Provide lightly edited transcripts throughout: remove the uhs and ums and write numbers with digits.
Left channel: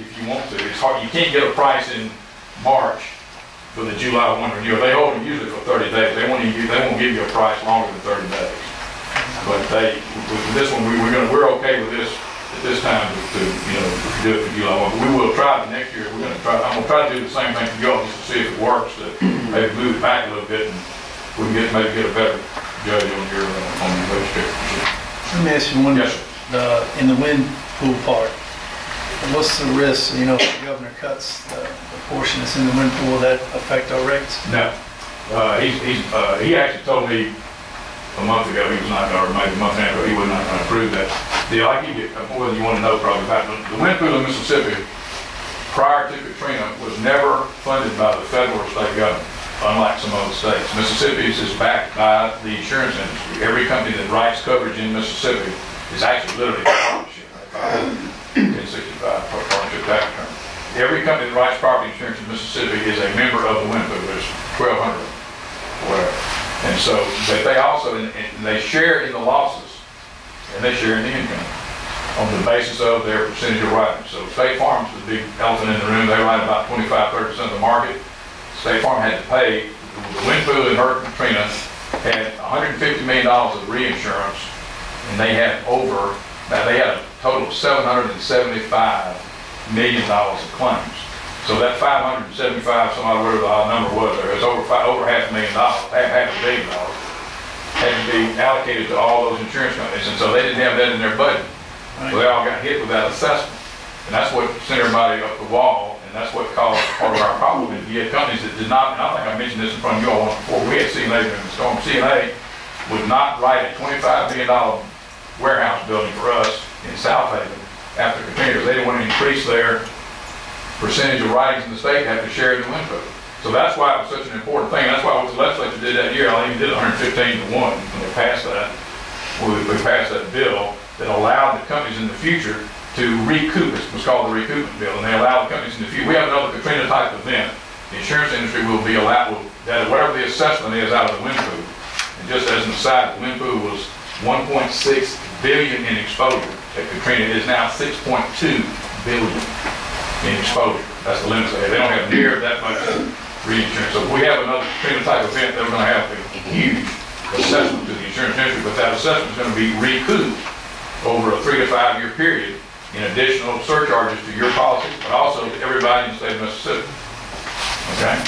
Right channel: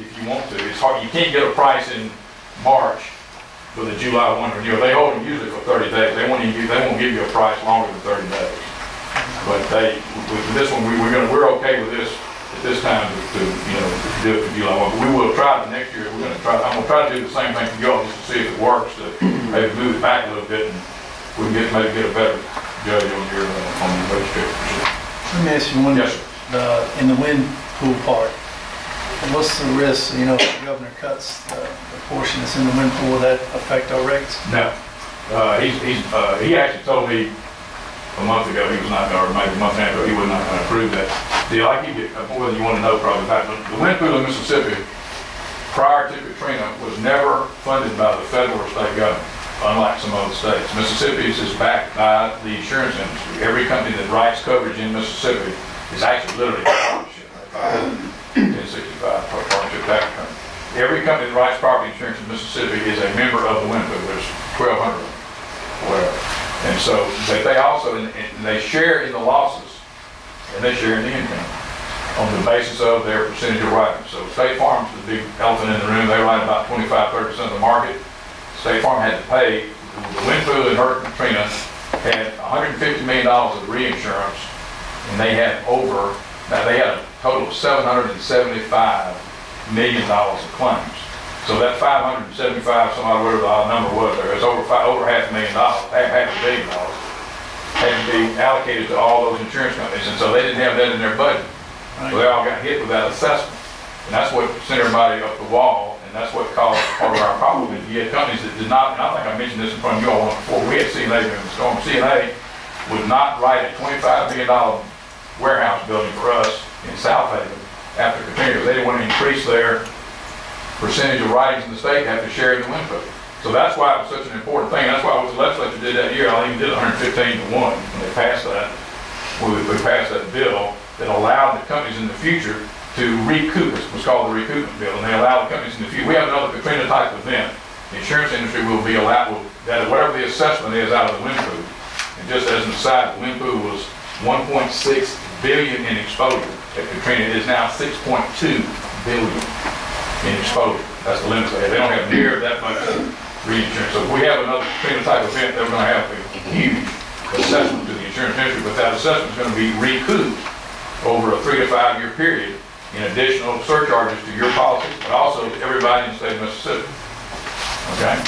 if you want to. It's hard, you can't get a price in March for the July 1 renewal. They hold them usually for 30 days. They won't give you a price longer than 30 days. But with this one, we're okay with this at this time to do it for July 1. But we will try it next year. I'm going to try to do the same thing for y'all just to see if it works. To maybe move it back a little bit, and we can maybe get a better judge on your wage check. Let me ask you one. Yes, sir. In the wind pool part, what's the risk? If the governor cuts the portion that's in the wind pool, will that affect our rates? No. He actually told me a month ago he was not, or maybe a month and a half ago, he was not going to approve that deal. I give you more than you want to know probably about the wind pool in Mississippi prior to Katrina was never funded by the federal or state government, unlike some other states. Mississippi is backed by the insurance industry. Every company that writes coverage in Mississippi is actually literally a partnership. 1065 partnership tax return. Every company that writes property insurance in Mississippi is a member of the wind pool. There's 1,200 of them, whatever. And so they also, and they share in the losses, and they share in the income on the basis of their percentage of writing. So State Farm's the big elephant in the room. They write about 25–30% of the market. State Farm had to pay, the wind pool in Hurricane Katrina had $150 million of reinsurance, and they had a total of $775 million of claims. So that 575, whatever the number was, there was over $500 million, half $500 million had to be allocated to all those insurance companies, and so they didn't have that in their budget. Right. So they all got hit with that assessment, and that's what sent everybody up the wall, and that's what caused part of our problem. Is you had companies that did not, and I think I mentioned this in front of you all once before. We had CNA during the storm. CNA would not write a $25 million warehouse building for us in South Haven after Katrina. They didn't want to increase their percentage of writings in the state to have to share in the wind pool. So that's why it was such an important thing. That's why what the legislature did that year, I even did 115 to 1 when they passed that. We passed that bill that allowed the companies in the future to recoup. It was called the recoupment bill, and they allowed the companies in the future. We have another Katrina type event. The insurance industry will be allowed, that whatever the assessment is out of the wind pool. And just as an aside, the wind pool was 1.6 billion in exposure. At Katrina, it is now 6.2 billion. In exposure. That's the limit they have. They don't have near that much reinsurance. So if we have another Katrina type event, they're going to have a huge assessment to the insurance industry, but that assessment is going to be recouped over a 3 to 5 year period in additional surcharges to your policy, but also to everybody in the state of Mississippi. Okay?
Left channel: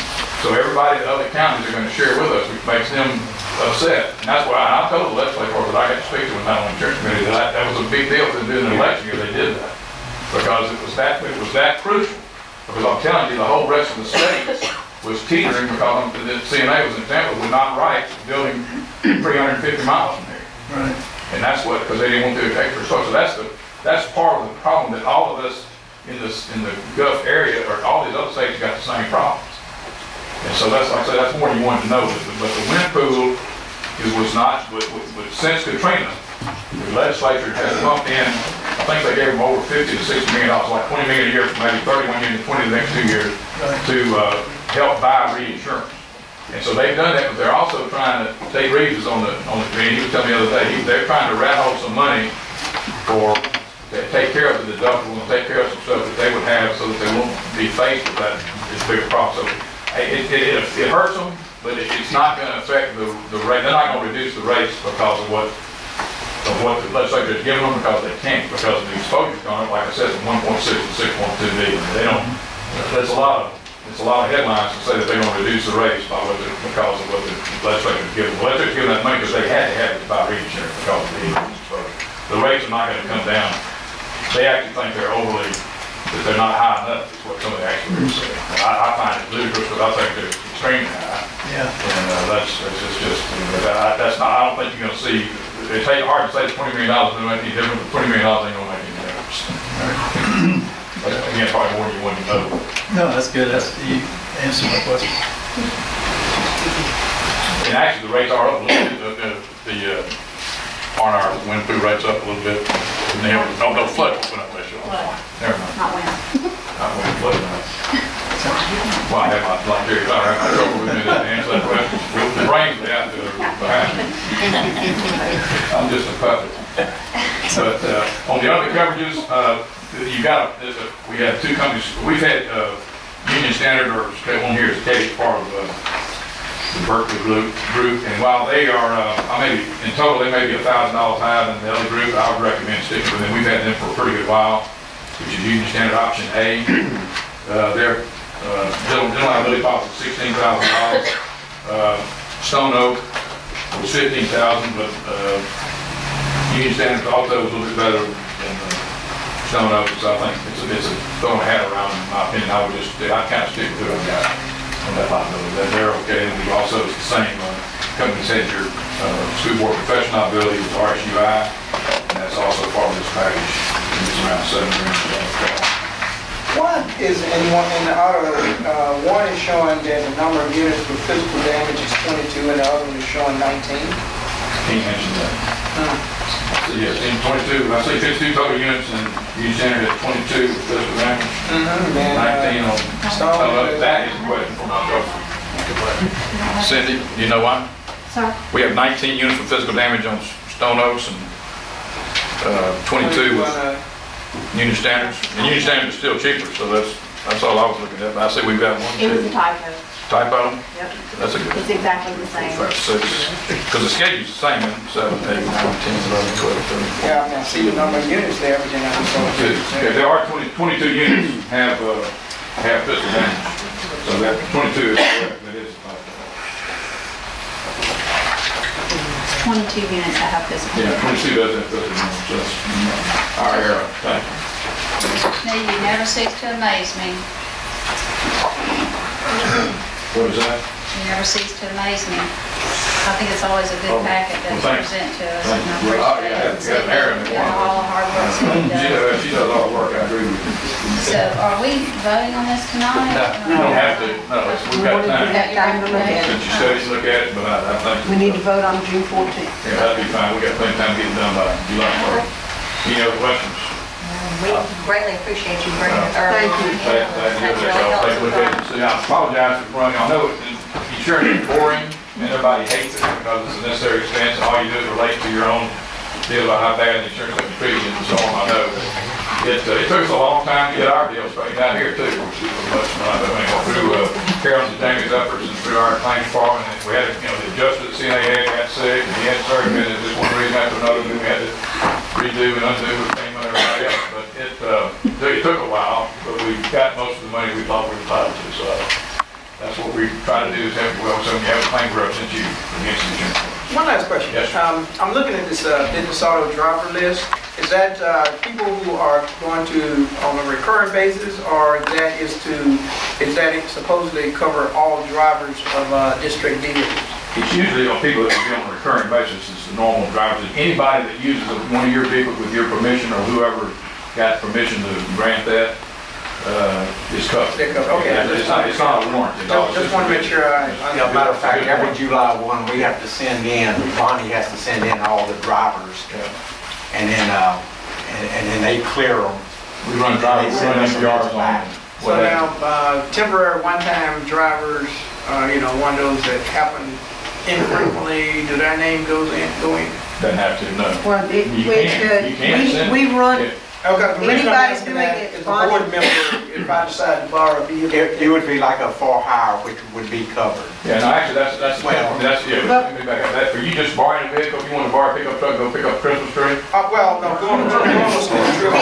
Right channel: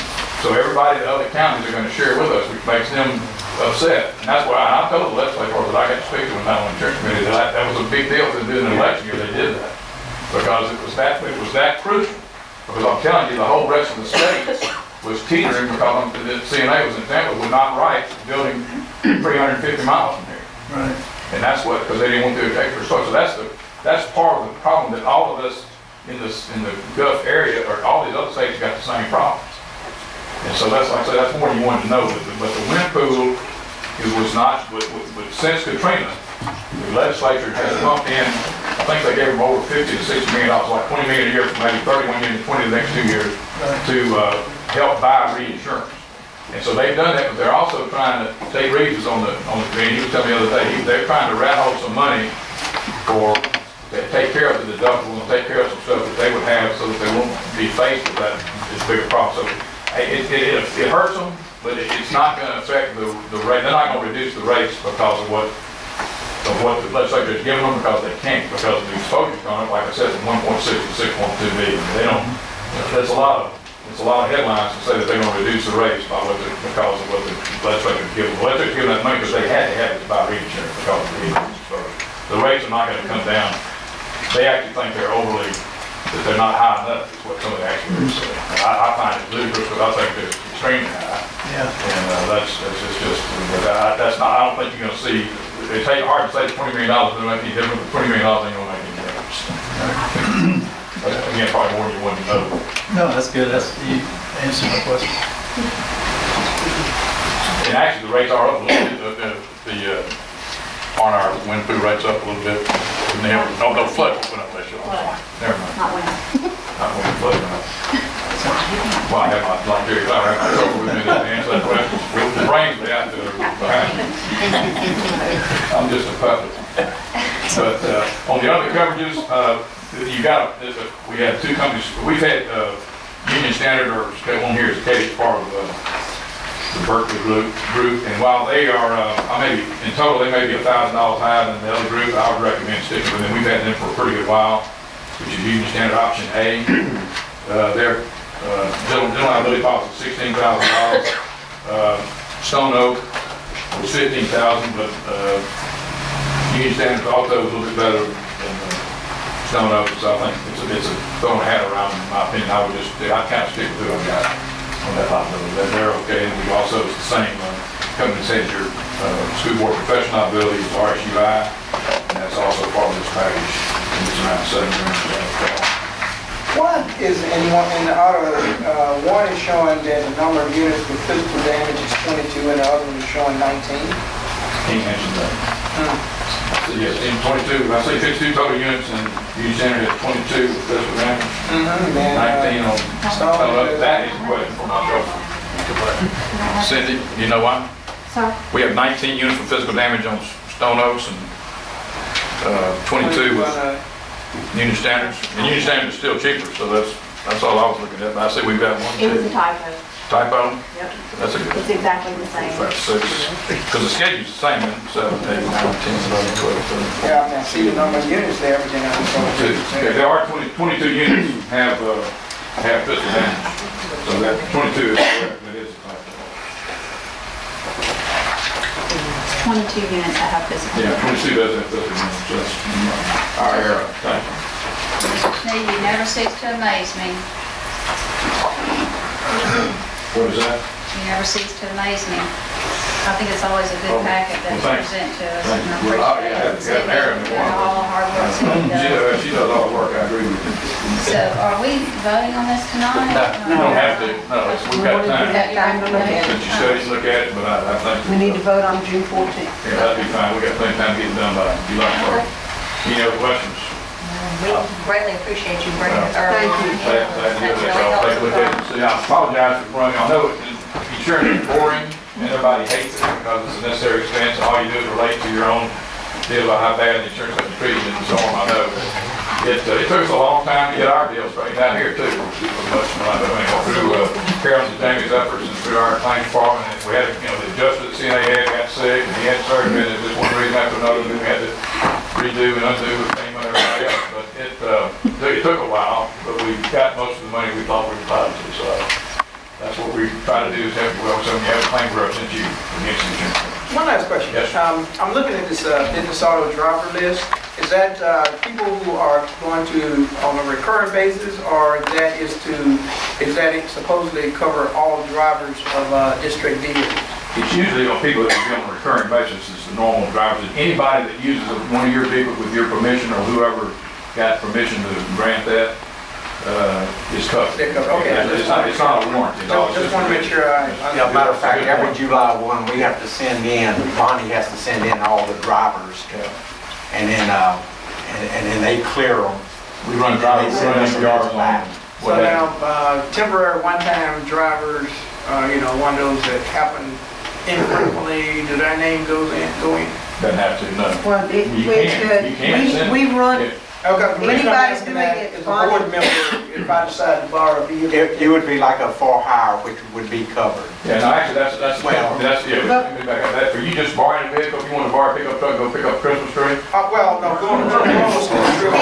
So everybody in other counties are going to share with us, which makes them upset. And that's why I told the legislature that I got to speak to in the insurance committee that was a big deal to do in an election year. They did that. Because it was that crucial. Because I'm telling you, the whole rest of the state was teetering because the CNA was in Tampa would not write building 350 miles from here. Right. And that's what, because they didn't want to take for so that's part of the problem that all of us in the Gulf area or all these other states got the same problems. And so that's like I said, that's more than you wanted to know. But the wind pool was not. But since Katrina, the legislature has pumped in. I think they gave them over $50 to $60 million, like $20 million a year for maybe 31 years, 20 the next 2 years, to help buy reinsurance. And so they've done that, but they're also trying to take Reeves on the he was telling me the other day, they're trying to rat hole some money to take care of the deductible and take care of some stuff that they would have so that they won't be faced with that bigger problem. So it hurts them, but it's not going to affect the rate. They're not going to reduce the rates because of what the legislature has given them because they can't, because the exposure's gone up, like I said, from 1.6 to 6.2 billion. They don't. There's a lot of headlines to say that they're going to reduce the rates because of what the legislature has given. The legislature's given that money because they had to have it to buy reinsurance because of the increased exposure. The rates are not going to come down. They actually think that they're not high enough. Is what some of the actuaries say. I find it ludicrous because I think they're extremely high. Yeah. And that's not. I don't think you're going to see. It's hard to say that $20 million doesn't make any difference, but $20 million ain't going to make any difference. Again, probably more than you want to know. No, that's good. You answered my question. And actually, the rates are up a little bit. Aren't our wind pool rates up a little bit? No flood went up this year. Never mind. Not wind. Not wind, flood went up. Well, I have my trouble with me to answer that question. The brains are out there behind me. I'm just a puppet. But on the other coverages, you got, we have two companies, we've had, Union Standard, or one here is Katie, part of, the Berkeley group, and while they are, in total, they may be $1,000 higher than the other group, I would recommend sticking with them. We've had them for a pretty good while, which is Union Standard Option A. Their general liability policy is $16,000. Stone Oak was $15,000, but Union Standard also was a little bit better than Stone Oak, so I think it's a throwing a hat around, in my opinion. I'd kind of stick with who I've got on that liability. They're okay, and we've also, it's the same company that has your school board professional liability with RSUI, and that's also part of this package, and it's around $7 grand. What is, in the auto, one is showing that the number of units with physical damage is 22, and the other one is showing 19? Can't mention that. So yes, in 22, I say 52 total units, and you standard at 22 with physical damage. 19 on Stone Oak. That is a question for myself. Cindy, do you know why? Sir? We have 19 units with physical damage on Stone Oaks, and 22 with Union Standards. And Union Standards is still cheaper, so that's all I was looking at. But I see we've got one, It was a two. typo. Typo? Yep. That's a good. It's exactly the same. 5, 6. Because the schedule's the same, in 7, 8, 9, 10, 11, 12, 13. Yeah, I see the number of units there, but then I just saw Okay, there are 22 units have physical damage. So that 22 is correct, that is a typo. It's 22 units that have physical. Yeah, 22 does have physical damage, so that's our error. Thank you. No, you never cease to amaze me. What is that? You never cease to amaze me. I think it's always a good packet that you present to us, and I appreciate it. All the hard work that you do. She does all the work, I agree with you. So, are we voting on this tonight? No, you don't have to, no, we've got time. Have time to look at Since it. you study, look at it, but I think. We need to vote on June 14th. Yeah, that'd be fine, we got plenty of time to get it done by July 1st. Any other questions? We greatly appreciate you bringing it early. Thank you. That's really I'll take a look at it and helpful. see. I apologize for running, I know insurance is boring, and everybody hates it because it's a necessary expense, and all you do is relate to your own deal about how bad the insurance company treated it and so on, I know. It took us a long time to get our deal straightened out here too, through Carol's and Jamie's efforts and through our claims department, and we had, the adjuster that CNA had got sick, and he had surgery, and just one reason after another, then we had to redo and undo with FEMA and everybody else, but it took a while, but we got most of the money we thought we were entitled to, so that's what we try to do is help you well, so when you have a claim represent you against the insurance company. One last question. Yes, I'm looking at this business auto driver list. Is that people who are going to on a recurring basis, or is that it supposedly cover all drivers of district dealers? It's usually on people that will be on a recurring basis, it's the normal drivers. Anybody that uses one of your vehicles with your permission or whoever got permission to grant that is covered. They're covered, okay. It's not a warranty. Just want to make sure I Yeah, matter of fact, every July 1, we have to send in, Bonnie has to send in all the drivers, and then they clear them. We run drivers, we run SPRs on. So now, temporary one-time drivers, one of those that happen infrequently, do their name go in? Doesn't have to, no. Well, You can send. we run, Yeah. Okay, the reason I'm Anybody's asking doing that it, is a Bonnie. board member, if I decide to borrow a vehicle. It would be like a for hire, which would be covered. Yeah, no, actually, that's, Well, let me back up that. For you just borrowing a vehicle, if you want to borrow a pickup truck, go pick up a Christmas tree. Well, no, going to school trip.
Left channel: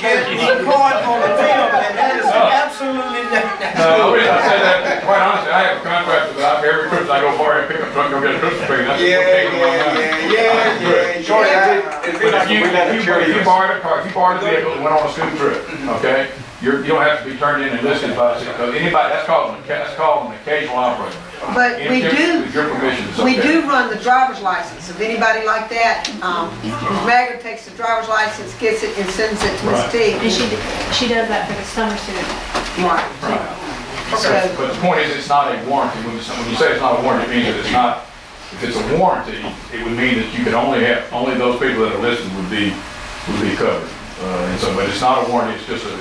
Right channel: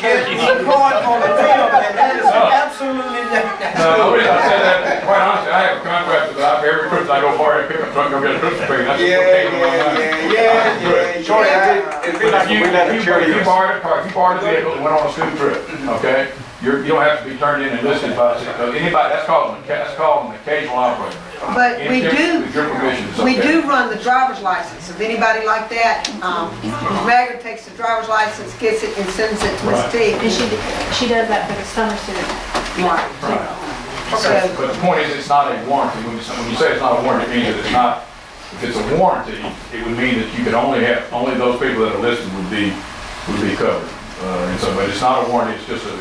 Get caught on the film, and that is absolutely No, the reason I said that, quite honestly, I have a contract with every Christmas I go borrow a pickup truck, go get a Christmas tree. That's Yeah. If you borrowed a car, if you borrowed a vehicle and went on a school trip, okay, you don't have to be turned in and listed by the city, because anybody, that's called an occasional operator. but we do, With your permission, it's we okay. do run the driver's license. If anybody like that, Ms. Maggard takes the driver's license, gets it, and sends it to Ms. Right. T. And she does that for the summer student. Right. Right. So, But the point is, it's not a warranty. When you say it's not a warranty, it means that it's not, if it's a warranty, it would mean that you could only those people that are listed would be covered. And so, but it's not a warranty, it's just a